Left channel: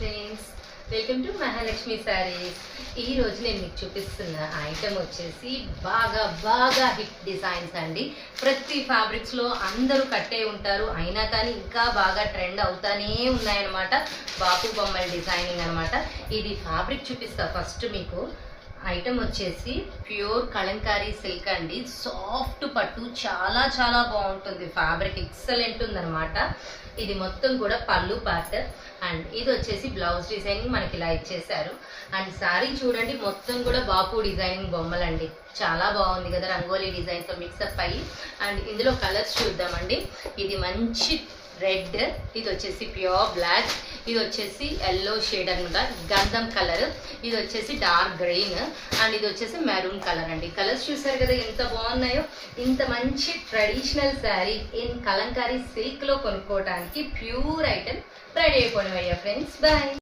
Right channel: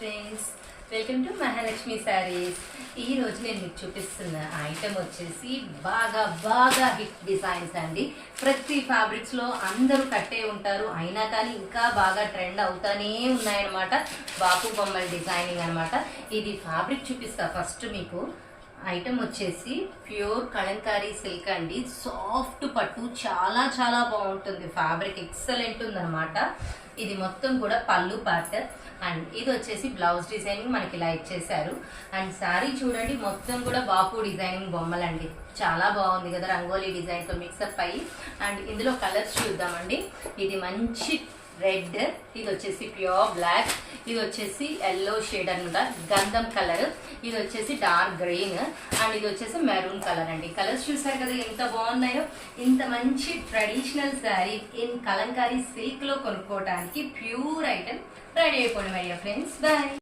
Friends, welcome to Mahalakshmi saris. ఈ రోజు నేను మీకు చూపిస్తున్న ఐటమ్ వచ్చేసి బాగా బాగా హిట్ డిజైన్స్ అండి. ప్రతి ఫ్యాబ్రిక్స్లో అందరూ కట్టే ఉంటారు, అయినా కానీ ఇంకా బాగా ట్రెండ్ అవుతానే ఉన్నాయన్నమాట. బాపు బొమ్మల డిజైనింగ్ అనమాట. ఇది ఫ్యాబ్రిక్ చూపిస్తా ఫస్ట్ మీకు. ఐటమ్ వచ్చేసి ప్యూర్ కలంకారీ సిల్క్ అండి. సాఫ్ట్ పట్టు, చాలా చాలా బాగుంటుంది. ఫ్యాబ్రిక్ ఎక్సలెంట్ ఉందన్నమాట. ఇది మొత్తం కూడా పళ్ళు పార్ట్ అండ్ ఇది వచ్చేసి బ్లౌజ్ డిజైనింగ్ మనకి ఇలా ఇచ్చేసారు. అండ్ శారీ చూడండి, మొత్తం కూడా బాపు డిజైనింగ్ బొమ్మలండి. చాలా బాగుంది కదా, రంగోలీ డిజైన్తో మిక్సప్ అయ్యి. అండ్ ఇందులో కలర్స్ చూద్దామండి. ఇది మంచి రెడ్, ఇది వచ్చేసి ప్యూర్ బ్లాక్, ఇది వచ్చేసి ఎల్లో షేడ్ అనమాట, గంధం కలర్, ఇది వచ్చేసి డార్క్ గ్రీన్ అండ్ ఇది వచ్చేసి మెరూన్ కలర్ అండి. కలర్స్ చూసారు కదా ఎంత బాగున్నాయో. ఇంత మంచి traditional sari in Kalamkari silk లో కొనుక్కోవడానికి ప్యూర్ ఐటమ్ రెడీ అయిపోవడం అయ్యా ఫ్రెండ్స్. బాయ్.